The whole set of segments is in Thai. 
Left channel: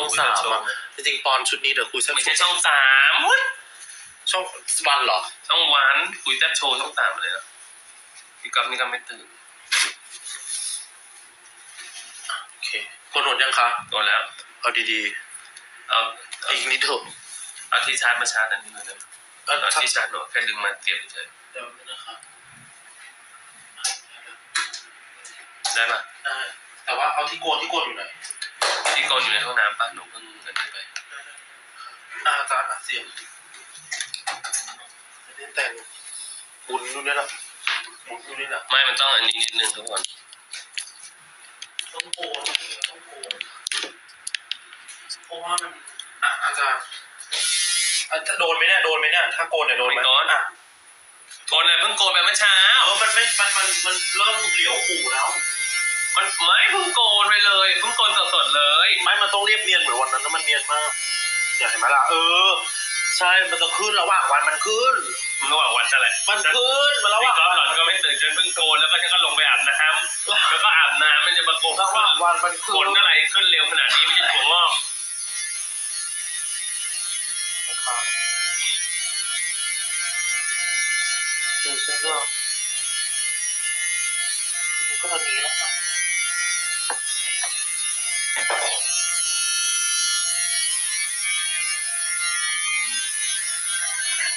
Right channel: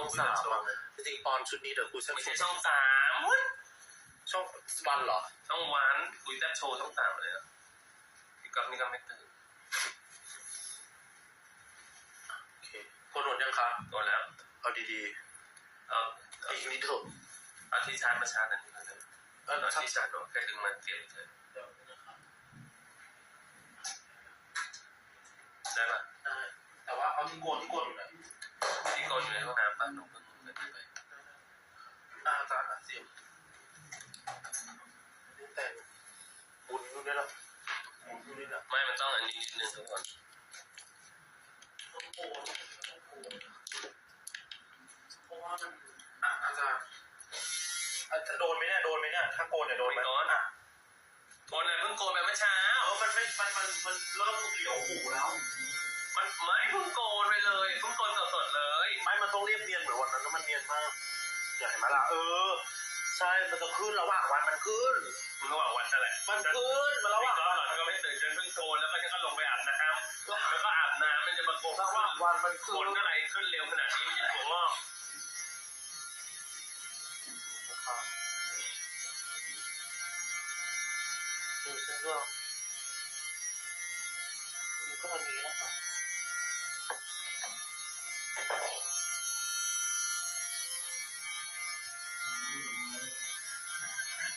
ช่องสามอะจริงๆปอนชุดนี้เดี๋ยวคุยแซ่บไม่ใช่ช่องสามอุ๊ยช่องวันเหรอ ช่องวันคุยแซ่บโชว์ช่องสามเลยนะพี่ก๊อฟนี่ก็ไม่ตื่นโอเคกดหนวดยังคะ โดนแล้ว เอาดีเอาๆ เอาอีกนิดเถอะเอาที่ชาร์จมาชาร์จอันนี้หน่อยได้ไหมเออเอาถ้าที่ชาร์จหน่อยแค่ดึงมาเสียบเฉยเดี๋ยวนะครับได้ปะได้แต่ว่าเอาที่โกนที่โกนอยู่ไหน ที่โกนอยู่ในห้องน้ำป่ะหนูเพิ่งเดินไปอาอาจารย์อะเสียงไม่ได้แต่งบุญนู่นนี่ละบุญนู่นนี่ละไม่มันต้องอันนี้นิดนึงทุกคนต้องโกนต้องโกนเพราะว่ามันอะอาจารย์อะจะโดนไหมเนี่ยโดนไหมเนี่ยถ้าโกนเนี่ยโดนไหมอะโกนเลยเพิ่งโกนไปเมื่อเช้า เออมันไม่มันมันมันเริ่มเหลียวหูแล้ว มันไม่เพิ่งโกนไปเลยเพิ่งโกนสดๆเลยไม่มันต้องเรียบเนียนเหมือนวันนั้นนะมันเนียนมากอยากเห็นไหมล่ะเออ ใช่มันจะขึ้นระหว่างวันมันขึ้นระหว่างวันนั่นแหละมันขึ้นมันระหพี่ว่างก๊อฟหล่อนก็ไม่ตื่นจนเพิ่งโกนแล้วก็ฉันก็ลงไปอาบน้ำแล้วก็อาบน้ำมันจะมาโกนระหว่างวันมันโกขึ้นนอะไรขึ้นเร็วขนาดนี้ไม่ใช่ถั่วงอกนะครับดูฉันก็มันก็อันนี้แล้วครั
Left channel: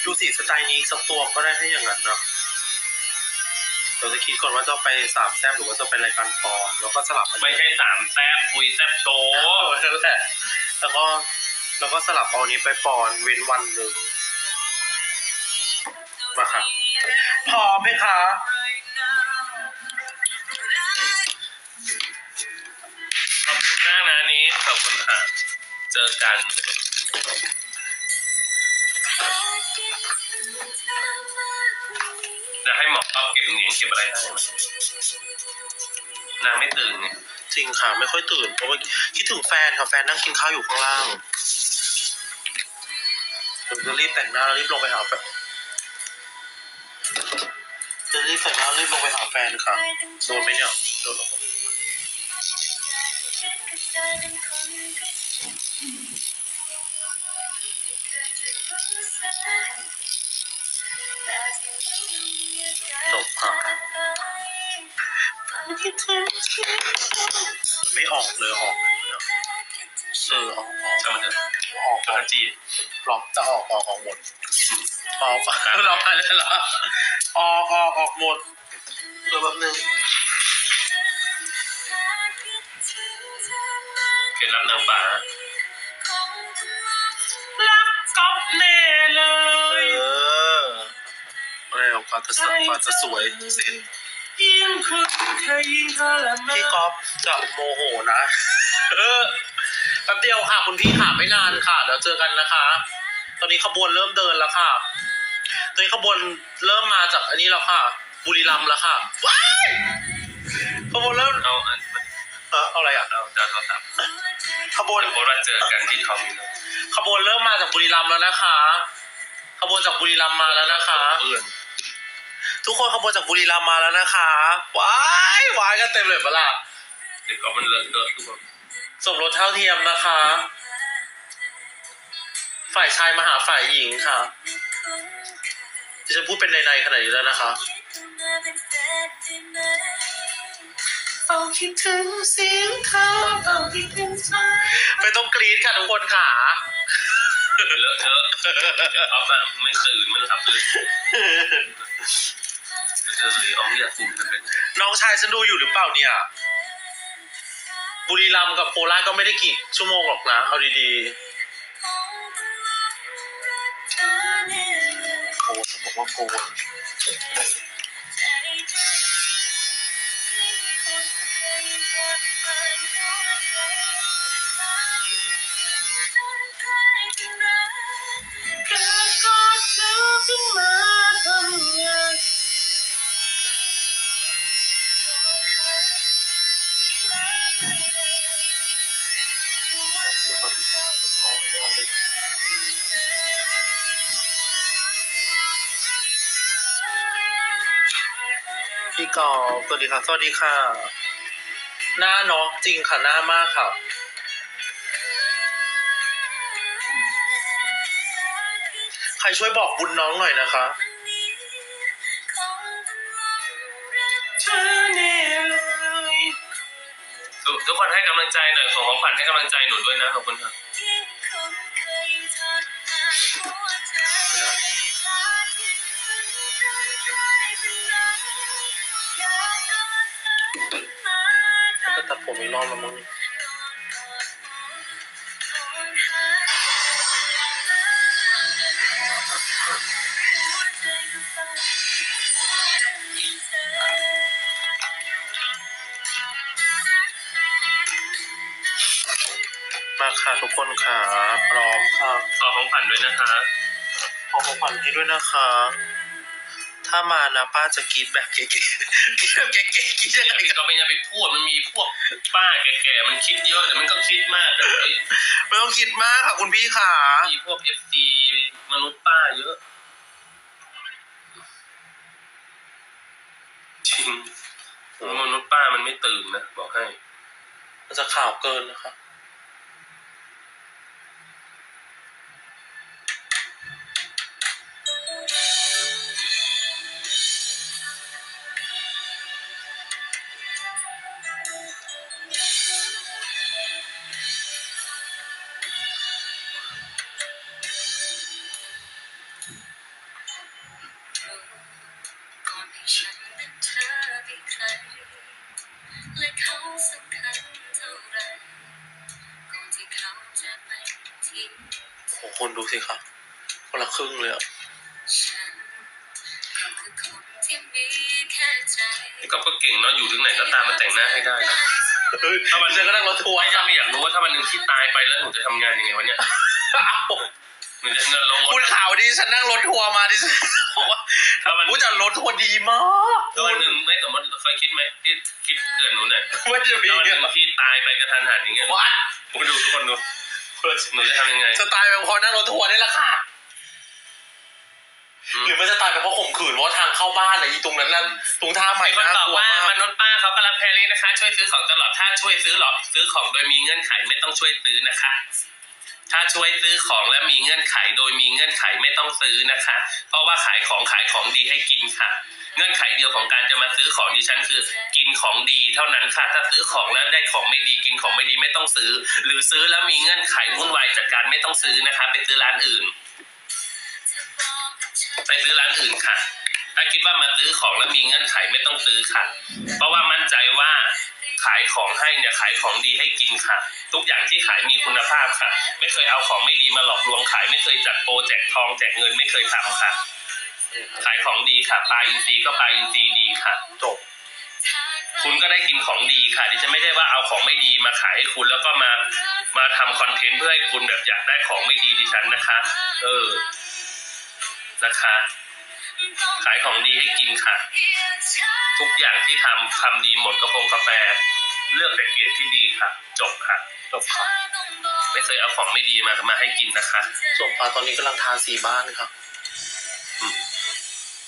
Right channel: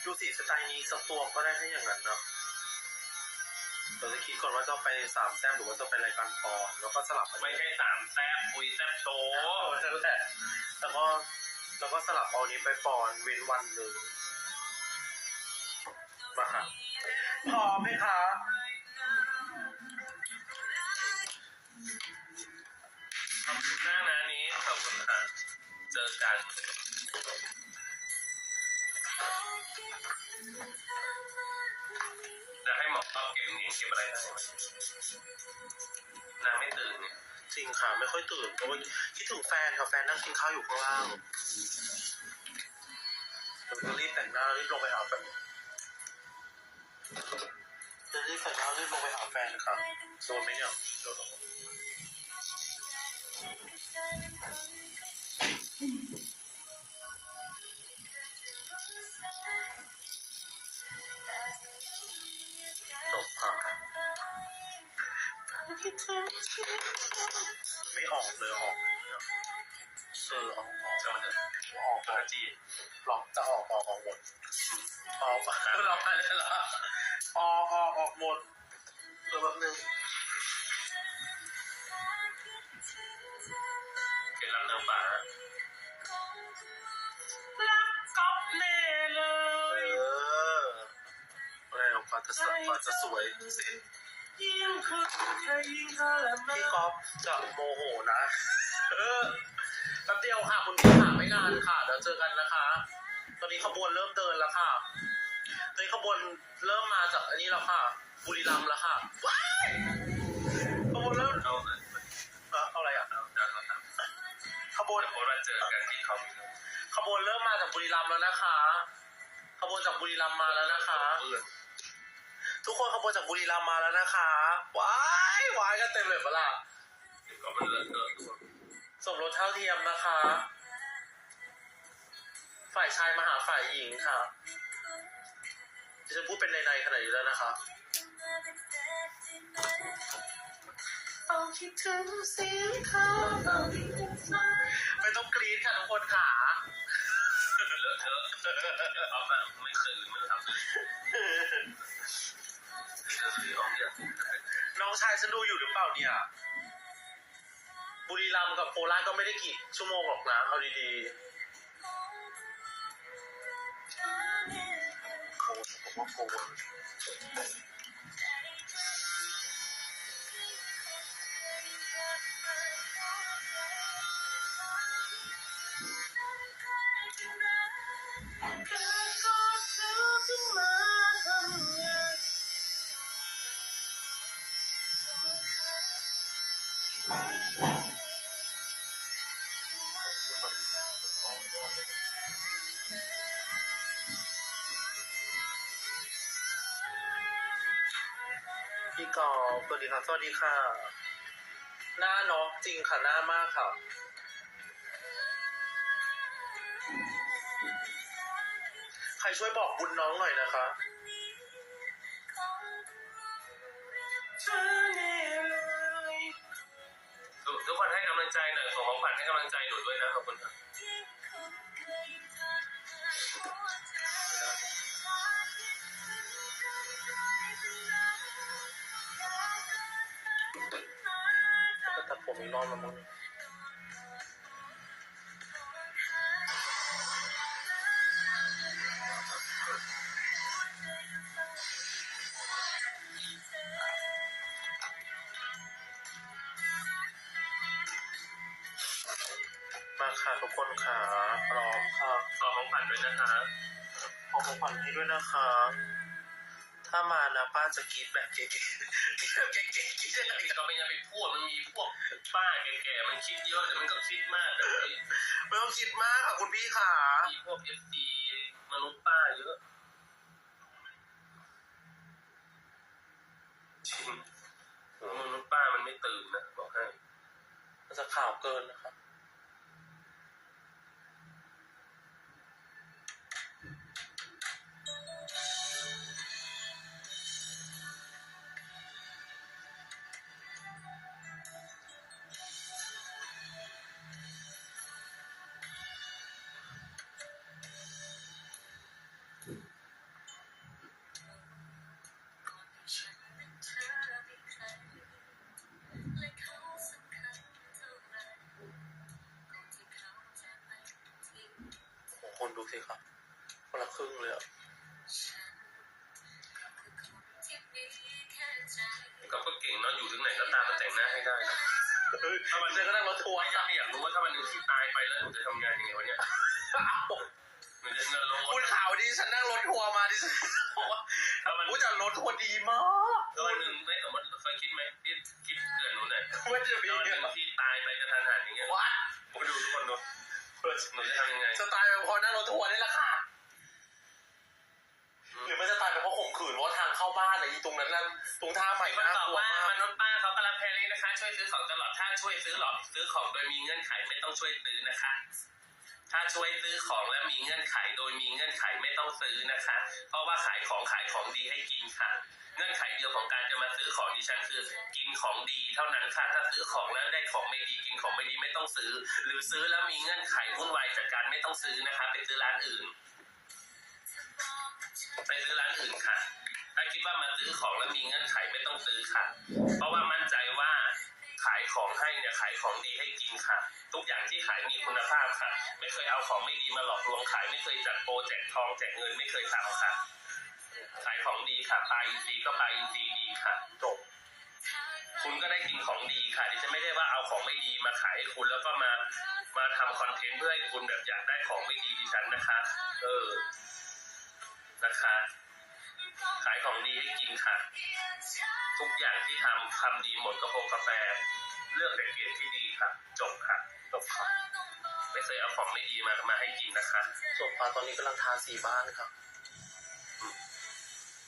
ดูสิสไตล์นี้สักตัวก็ได้ให้อย่างนั้นนะเราจะคิดก่อนว่าจะไปสามแซมหรือว่าจะไปรายการปอนแล้วก็สลับกันไม่ใช่สามแซ่บคุยแซ่บโชว์โอ้นั่นแหละแล้วก็แล้วก็สลับเอาอันนี้ไปปอนเว้นวันหนึ่งมาค่ะพร้อมไหมคะขอบคุณมากนะนี้ขอบคุณค่ะเจอกัน จะให้หมอป๊อปเก็บเหรียญเก็บอะไรได้ไหมนางไม่ตื่นไงจริงค่ะ ไม่ค่อยตื่นเพราะว่าคิดถึงแฟนค่ะแฟนนั่งกินข้าวอยู่ข้างล่างผมจะรีบแต่งหน้าแล้วรีบลงไปหาแฟนจะรีบแต่งหน้ารีบลงไปหาแฟนค่ะโดนไหมเนี่ยโดนหรอ ไม่ออกเลยออกเลยเออออกออกทำไมเถอะออกปกติหลอกจะออกออกออกหมดออกเราไปเลยเหรอออกออกออกหมดเดี๋ยวแป๊บนึงเคล็ดลับนางฟ้ารักก๊อฟแน่เลยเอออะไรออกมจะสวยกว่าจะสวยเสร็จ พี่ก๊อฟจะโมโหนะ เออแป๊บเดียวค่ะคุณพี่ค่ะไม่นานค่ะเดี๋ยวเจอกันนะคะ ตอนนี้ขบวนเริ่มเดินแล้วค่ะ ตอนนี้ขบวนเริ่มมาจากอันนี้แล้วค่ะ บุรีรัมย์แล้วค่ะว้ายขบวนเริ่มเอาอันเออเอาอะไรอะเอาจานโทรศัพท์ขบวนเดี๋ยวโพสต์ว่าเจอกันที่ทอมขบวนเริ่มมาจากบุรีรัมย์แล้วนะคะ ขบวนจากบุรีรัมย์มาแล้วนะคะเพื่อน ทุกคนขบวนจากบุรีรัมย์มาแล้วนะคะว้ายว้ายกันเต็มเลยเปะล่าเด็กก็มันเลอะเทอะทุกคนสมรสเท่าเทียมนะคะ ฝ่ายชายมาหาฝ่ายหญิงค่ะดิฉันพูดเป็นในๆขนาดนี้แล้วนะคะ เอาคิดถึงเสียงเขาเอาคิดถึงเธอไม่ต้องกรี๊ดค่ะทุกคนค่ะ เลอะเทอะเอาแบบไม่ตื่นมันหลับเลยเจ อเลยเอาไม่อยากตื่นมันเป็นน้องชายฉันดูอยู่หรือเปล่าเนี่ย บุรีรัมย์กับโคราชก็ไม่ได้กี่ชั่วโมงหรอกนะ เอาดีๆโอ้ฉันบอกว่าโก กอล์สวัสดีค่ะสวัสดีค่ะ หน้าน้องจริงค่ะ หน้ามากค่ะ ใครช่วยบอกบุญน้องหน่อยนะคะทุกคนให้กำลังใจหน่อย ของของขวัญให้กำลังใจหนูด้วยนะ ขอบคุณค่ะ ผมอีกรอบแล้วมั้งมาค่ะทุกคนค่ะ พร้อมค่ะขอของขวัญด้วยนะคะ ขอของขวัญให้ด้วยนะคะ ถ้ามานะป้าจะกรีดแบบเก๋ๆกรีดแบบเก๋ๆกรีดยังไงกันก็ไม่ยังไปพูดมันมีพวกป้าแก่ๆมันคิดเยอะแต่มันก็คิดมากแต่ไม่ต้องคิดมากค่ะคุณพี่ค่ะ มีพวกเอฟซีมนุษย์ป้าเยอะจริงมนุษย์ป้ามันไม่ตื่นนะบอกให้มันจะข่าวเกินนะคะ อ้คนดูสิค่ะคนละครึ่งเลยอะฉันก็คือคนที่มีแค่ใจนี่ก็เก่งเนาะอยู่ถึงไหนก็ตามมาแต่งหน้าให้ได้นะเฮ้ยถ้ามันจะก็นั่งรถทัวร์ไม่ถ้าไม่อยากรู้ว่าถ้าวันหนึ่งที่ตายไปแล้วหนูจะทำงานยังไงวะเนี่ยหนูจะเงินลงรคุณถข่าวดีฉันนั่งรถทัวร์มาดิฉันบอกว่าถ้าวันผู้จัดรถทัวร์ดีมากถ้าวันหนึ่งไม่สมมติเคยคิดไหมที่คิดเตือนหนูหน่อยว่าจะมีถ้าวันหเงินึ่นงที่ตายไปกระทันหันอย่างเงี้ยวัดคุณดูทุกคนดู หนูจะทำยังไง จะตายไปเพราะนั่งรถทัวร์นี่แหละค่ะ อืม หรือมันจะตายไปเพราะข่มขืนเพราะทางเข้าบ้านอะอีตรงนั้นน่ะตรงท่าใหม่มีคนน่าบอกกลัวว่ามากมนุษย์ป้าเขาก็รับแพรรี่นะคะ ช่วยซื้อของตลอดถ้าช่วยซื้อหรอซื้อของโดยมีเงื่อนไขไม่ต้องช่วยซื้อนะคะ ถ้าช่วยซื้อของและมีเงื่อนไข โดยมีเงื่อนไขไม่ต้องซื้อนะคะ เพราะว่าขายของขายของดีให้กินค่ะ เงื่อนไขเดียวของการจะมาซื้อของดิฉันคือ กินของดีเท่านั้นค่ะ ถ้าซื้อของแล้วได้ของไม่ดีกินของไม่ดีไม่ต้องซื้อ หรือซื้อแล้วมีเงื่อนไขวุ่นวายจากการไม่ต้องซื้อนะคะ ไปซื้อร้านอื่น ไปซื้อร้านอื่นค่ะ ถ้าคิดว่ามาซื้อของแล้วมีเงื่อนไขไม่ต้องซื้อค่ะ เพราะว่ามั่นใจว่า ขายของให้เนี่ยขายของดีให้กินค่ะ ทุกอย่างที่ขายมีคุณภาพค่ะ ไม่เคยเอาของไม่ดีมาหลอกลวงขาย ไม่เคยจัดโปรแจกทองแจกเงินไม่เคยทำค่ะ ขายของดีค่ะปลาอินทรีย์ก็ปลาอินทรีย์ดีค่ะจบคุณก็ได้กินของดีค่ะดิฉันไม่ได้ว่าเอาของไม่ดีมาขายให้คุณแล้วก็มามาทำคอนเทนต์เพื่อให้คุณแบบอยากได้ของไม่ดีดิฉันนะคะ เออนะคะ ขายของดีให้กินค่ะ ทุกอย่างที่ทำทำดีหมดกระโปรงกาแฟ เลือกแต่เกียรติที่ดีค่ะ จบค่ะจบค่ะไม่เคยเอาของไม่ดีมามาให้กินนะคะจบค่ะตอนนี้กำลังทาสีบ้านค่ะ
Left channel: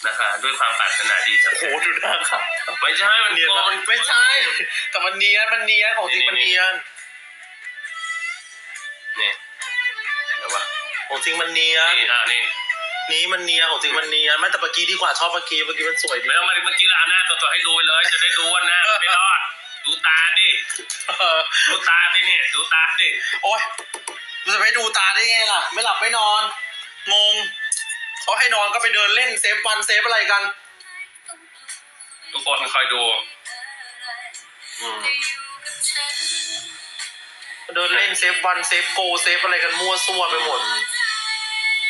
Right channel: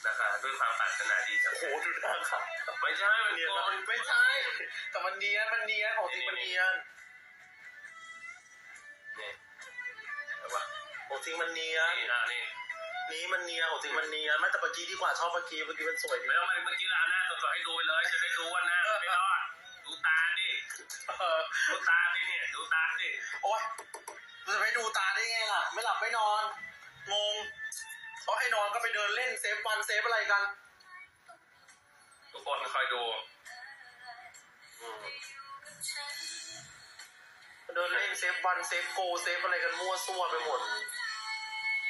นะคะ ด้วยความปรารถนาดีจากโอ้โหดูหน้าค่ะไม่ใช่มันเนียนโกมากนไม่ใช่ แต่มันเนียนมันเนียนของจริงมันเนียนนี่แต่ว่าของจริงมันเนียนนี่อ่านี่ นี้มันเนียนของจริงมันเนียนไม่แต่เมื่อกี้ดีกว่าชอบเมื่อกี้เมื่อกี้มันสวยดีไม่ต้องมาเมื่อกี้เราเอาหน้าตัวๆให้ดูไปเลย จะได้รู้ว่าหน้าไม่รอด ดูตาดิ เออดูตาดิเนี่ย ดูตาดิ โอ้ยมันจะไปดูตาได้ไงล่ะ ไม่หลับไม่นอน งงเขาให้นอนก็ไปเดินเล่นเซฟวันเซฟอะไรกัน ทุกคนคอยดู อืมเดินเล่นเซฟวันเซฟโกเซฟอะไรกันมั่วซั่วไปหมด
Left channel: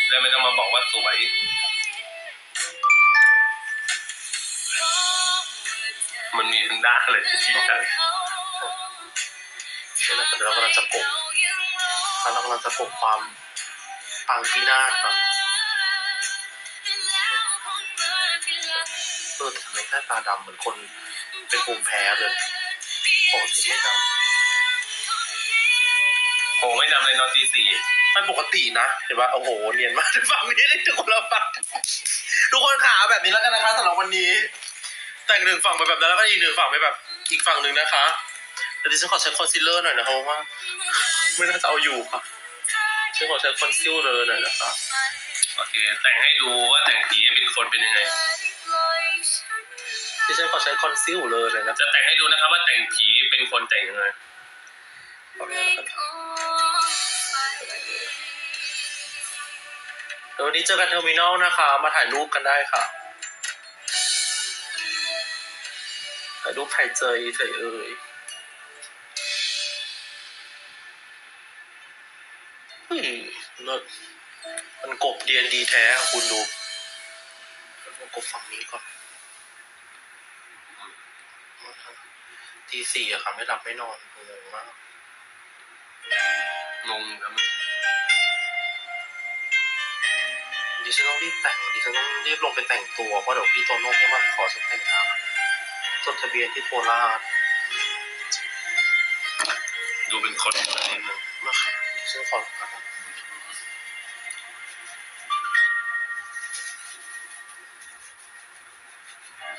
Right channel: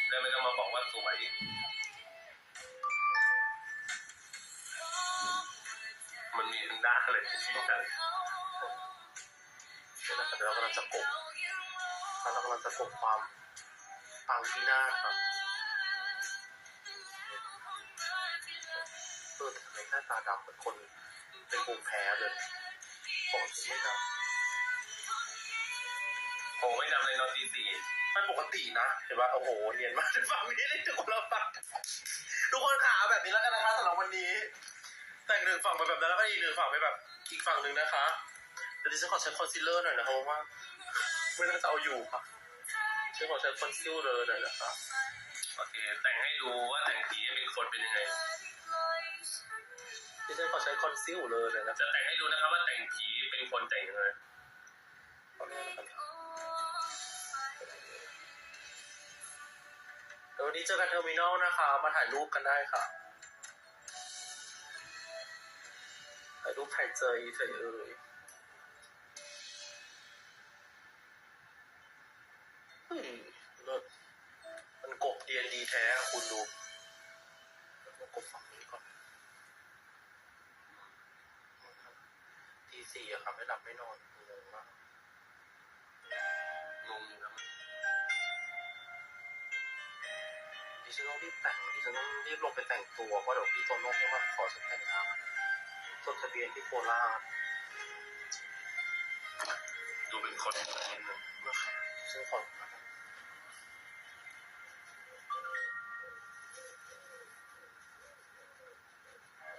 แล้วไม่ต้องมาบอกว่าสวย มันมีทั้งด้านเลยที่ใจใช่ไหมแต่เรากำลังจะกบเรากำลังจะกบความปังที่หน้าครับเออแต่ทำไมหน้าตาดำเหมือนคนเป็นภูมิแพ้เลยปกติไม่ดโหไม่จำเลยนอนตีสี่ำไม่ปกตินะเห็นปะโอ้โหเนียนมากฝั่งนี้ได้ทุกคนละฝั่งทุกคนขาแบบนี้แล้วกันนะคะสำหรับวันนี้ แต่งหนึ่งฝั่งไปแบบนั้นแล้วก็อีกหนึ่งฝั่งไปแบบ อีกฝั่งหนึ่งนะคะแต่ดิฉันขอใช้คอนซีลเลอร์หน่อยนะครับเพราะว่าไม่น่าจะเอาอยู่ค่ะฉันขอใช้คอนซีลเลอร์หน่อยนะคะโอเค แต่งให้ดูว่าแต่งผีเป็นคนเป็นยังไงดิฉันขอใช้คอนซีลเลยเลยนะจะแต่งให้ดูนะครับว่าแต่งผีเป็นคนแต่งยังไงโอเคนะครับ เดี๋ยววันนี้เจอกันเทอร์มินอลนะคะ มาถ่ายรูปกันได้ค่ะ ถ่ายรูปถ่ายเจยเถยเอ่ยอืมเลิศมันกบเดียนดีแท้คุณดูมันกบฝั่งนี้ก่อนทีสี่อะค่ะ ไม่หลับไม่นอนงงมากงงครับ ดิฉันต้องรีบแต่งดิฉันต้องรีบลงไปแต่งตัวเพราะเดี๋ยวพี่โตโน่เขามาขอฉันแต่งงานจดทะเบียนที่โคราชดูเป็นคนอะไรนิดนึงมาค่ะดิฉันขอ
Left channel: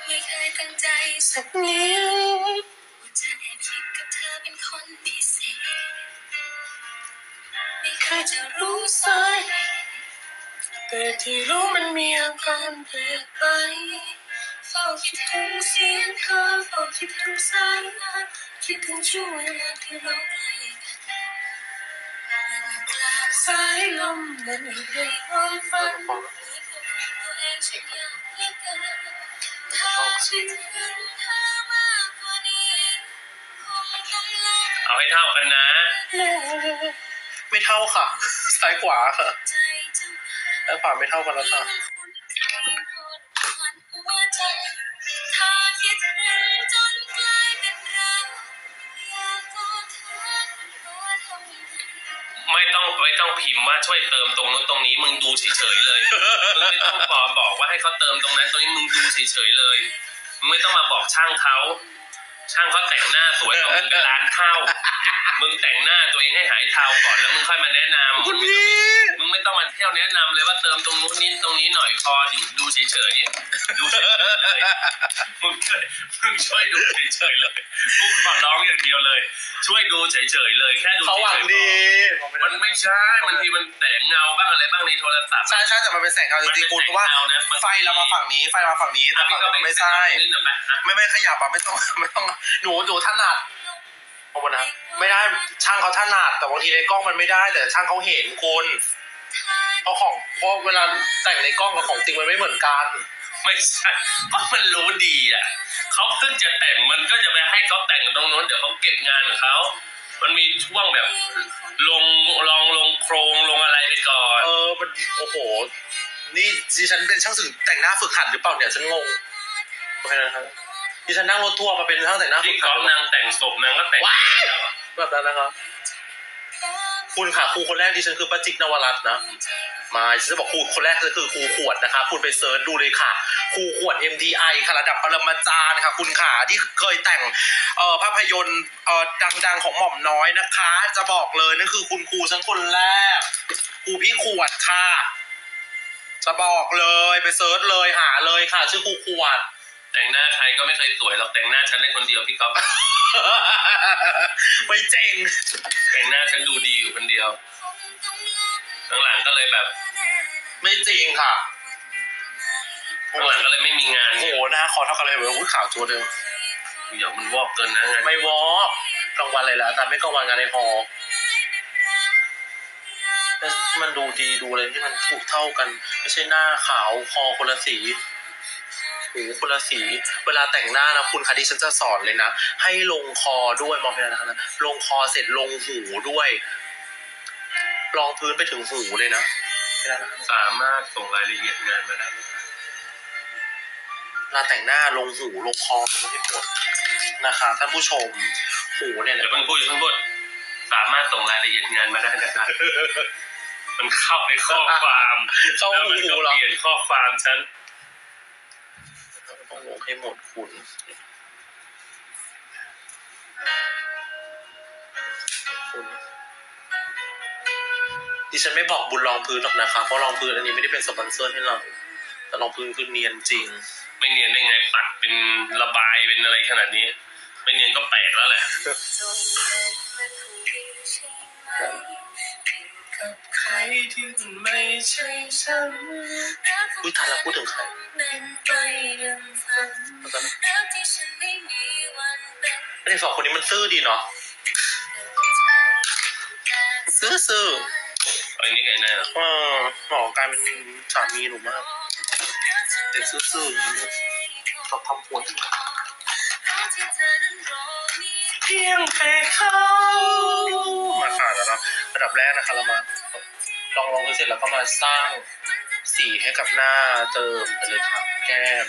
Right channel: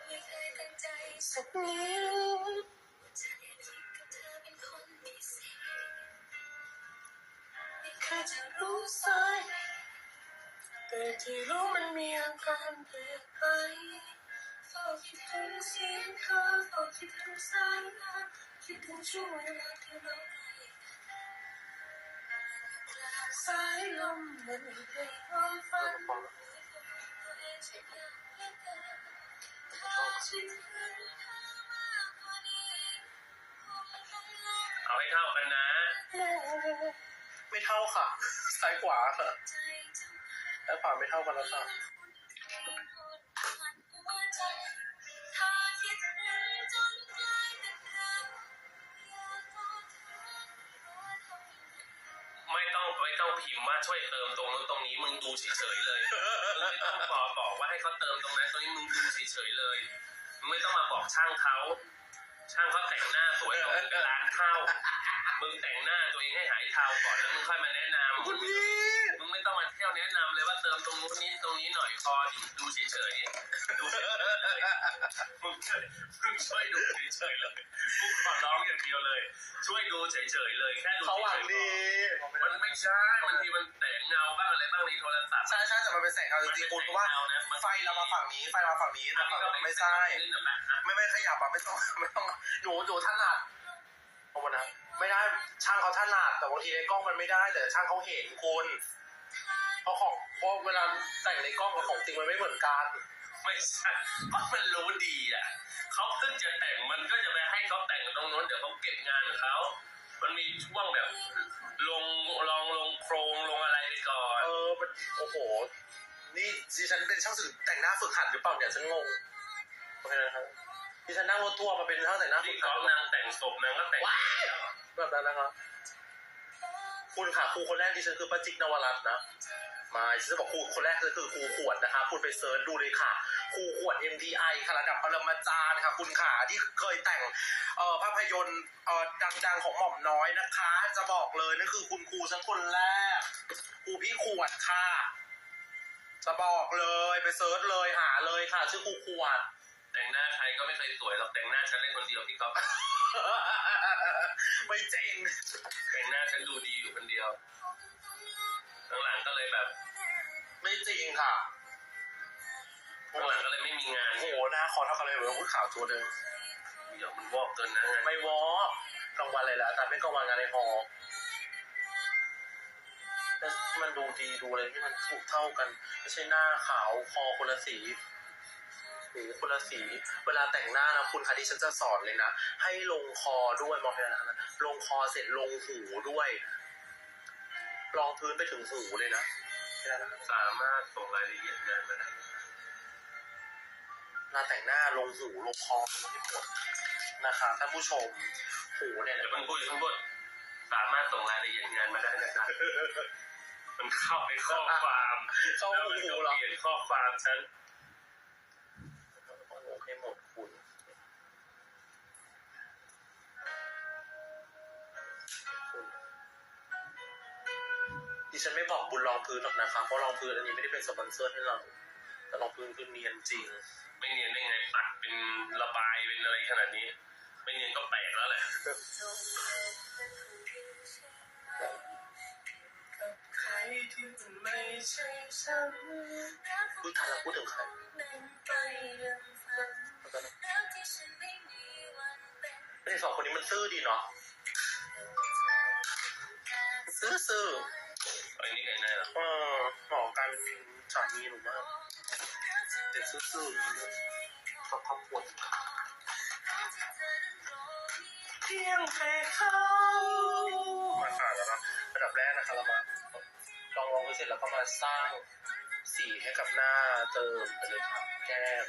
ไม่เคยตั้งใจสักนิด ที่รู้มันมีอาการเปลี่ยนไปเฝ้าคิดถึงเสียงเธอเฝ้าคิดถึงสายตาคิดถึงช่วงเวลาที่เราใกล้กันนอยู่กลางสายลมมันอยู่ในความฝันตัวเองฉันอยากเหลือเกินถ้าฉันเห็นเธอมากกว่านี้คงต้องลองเอาให้เท่ากันนะ ไม่เท่าค่ะ ซ้ายขวาค่ะ ใจเจ้าซ้ายขวาไม่เท่ากันแล้วค่ะถ้าคิดถึงจนกลายเป็นรักอยากกอดเธอรู้ว่าทำยังไงไม่ต้องไม่ต้องพิมพ์ว่าช่วยเติมตรงนู้นตรงนี้มึงดูเฉยๆเลยมึงไม่ต้องบอกบอกว่าให้เขาเติมตรงนั้นตรงนี้มึงดูเฉยๆเลยมึงไม่ต้องมาบอกช่างเขาช่างเขาแต่งหน้าสวยกว่ามึงเป็นล้านเท่ามึงแต่งหน้าตัวเองให้หายเทาก่อนแล้วมึงค่อยมาแนะนำคุณพี่มึง ไม่ต้องมาเที่ยวแนะนำเลยว่าเติมตรงนู้นนิดตรงนี้หน่อยพออยู่ดูเฉยๆดูเฉยๆเลยมึงช่วยมึงช่วยดูเฉยๆเลยกูขอร้องอย่างเดียวเลย ช่วยดูเฉยๆเลยแค่ดูเขาหวังเฉยๆดีมันไม่ใช่บางทีมันแต่งเงาบ้างอะไรบ้างในโทรศัพท์ ใช่ใช่แต่มันเป็นแสงเงาจริงๆคุณเพราะว่ามันเป็นแสงเงานะมันไฟเรามาฝั่งนี้ไฟเรามาฝั่งนี้แต่อะพี่ฝั่งก็นู้นไม่ไม่ใช่ใช่นิดหน่อยไปอะไม่ไม่ขยับอะไม่ต้องไม่ต้องหนูหนูถนัดขอบคุณนะไม่ได้ช่างเขาถนัดแต่บางทีในกล้องมันไม่ได้แต่ช่างเขาเห็นคุณ เพราะของเพราะเวลาแต่งในกล้องกับของจริงมันไม่เหมือนกัน ไม่ใช่ก็มันรู้ดีอะเขาเพิ่งจะแต่งมันก็จะไปให้เขาแต่งตรงนู้นเดี๋ยวเขาเก็บงานของเขา มันมีช่วงแบบลงลองลงโครงลงอะไรไปก่อน เออมันโอ้โห นี่ดิฉันเป็นช่างสื่อแต่งหน้าฝึกหัดหรือเปล่าเนี่ยฉันงงโอเคนะครับดิฉันนั่งรถทัวร์มาเป็นช่างแต่งหน้าฝึที่กกหัอดล์ฟนางแต่งศพนางก็แต่งว้ายแบบนั้นนะครับคุณค่ะครูคนแรกดิฉันคือป้าจิ๊กนวรัตน์นะ มาฉันจะบอกครูคนแรกก็คือครูขวดนะคะ คุณไปเซิร์ชดูเลยค่ะ ครูขวด MDI ค่ะระดับปรมาจารย์ค่ะ คุณขาที่เคยแต่งเอ่อภาพยนตร์เอ่อดังๆของหม่อมน้อยนะคะ จะบอกเลยนั่นคือคุณครูฉันคนแรกครูพี่ขวดค่ะ จะบอกเลยไปเซิร์ชเลยหาเลยค่ะ ชื่อครูขวด แต่งหน้าใครก็ไม่เคยสวยหรอกแต่งหน้าฉันได้คนเดียวพี่ก๊อฟ ไม่เจ๋งแต่งหน้าฉันดูดีอยู่คนเดียว หลังๆก็เลยแบบไม่จริงค่ะหลังๆก็เลยไม่มีงานโอ้โหหน้าคอเท่ากันเลยเว้ยอุ้ยขาวตัวเดิมเดี๋ยวมันวอกเกินนะงานไม่วอล์กกลางวันเลยแล้วแต่ไม่กลางวันงานในฮอลล์แต่มันดูดีดูอะไรที่มันถูกเท่ากันไม่ใช่หน้าขาวคอคนละสีหูคนละสี เวลาแต่งหน้านะคุณคะที่ฉันจะสอนเลยนะ ให้ลงคอด้วยมองไปนะคะนะลงคอเสร็จลงหูด้วย รองพื้นไปถึงหูเลยนะแค่นั้นนะคะสามารถส่งรายละเอียดงานมาได้ไหมครับเวลาแต่งหน้าลงหูลงคอมันไม่หมดนะคะท่านผู้ชมหูเนี่ยเดี๋ยวเพิ่งพูดอย่าเพิ่งพูดสามารถส่งรายละเอียดงานมาได้นะครับมันเข้าในข้อความเข้าแล้วหูมันก็เหรอ เปลี่ยนข้อความฉันต้องลงให้หมดคุณคุณ ดิฉันไม่บอกบุญรองพื้นหรอกนะคะเพราะรองพื้นอันนี้ไม่ได้เป็นสปอนเซอร์ให้เรา แต่รองพื้นคือเนียนจริง ไม่เนียนได้ไงปัดเป็นระบายเป็นอะไรขนาดนี้ ไม่เนียนก็แปลกแล้วแหละจนเป็นคนดีใช่ไหมผิดกับเขาที่มันไม่ใช่ฉันอุ้ยทันแล้วพูดถึงใครเป็นไปดังฝันแล้วกันรักที่ฉันไม่มีวันเป็นไอ้สองคนนี้มันซื่อดีเนาะซื่อซื่อไอ้ เลยเออหมอกลายเป็นสามีหนูมากเด็กซื่อๆอย่างนี้ชอบทำปวดเพียงแค่เขามาค่ะแล้วนะระดับแรกนะคะเรามาลองลองดูเสร็จแล้วก็มาสร้างสีให้กับหน้าเติมไปเลยค่ะแก้ม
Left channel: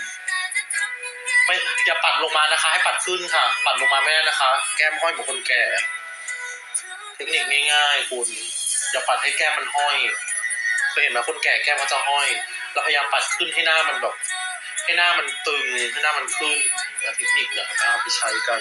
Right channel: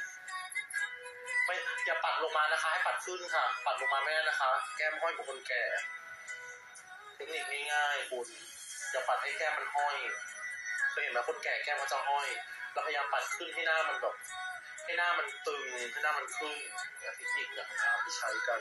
ไม่อย่าปัดลงมานะคะ ให้ปัดขึ้นค่ะ ปัดลงมาไม่ได้นะคะ แก้มห้อยเหมือนคนแก่ เทคนิคง่ายๆคุณ อย่าปัดให้แก้มมันห้อยเคยเห็นไหมคนแก่แก้มเขาจะห้อย เราพยายามปัดขึ้นให้หน้ามันแบบให้หน้ามันตึงให้หน้ามันขึ้นเทคนิคเนี่ยนะไปใช้กัน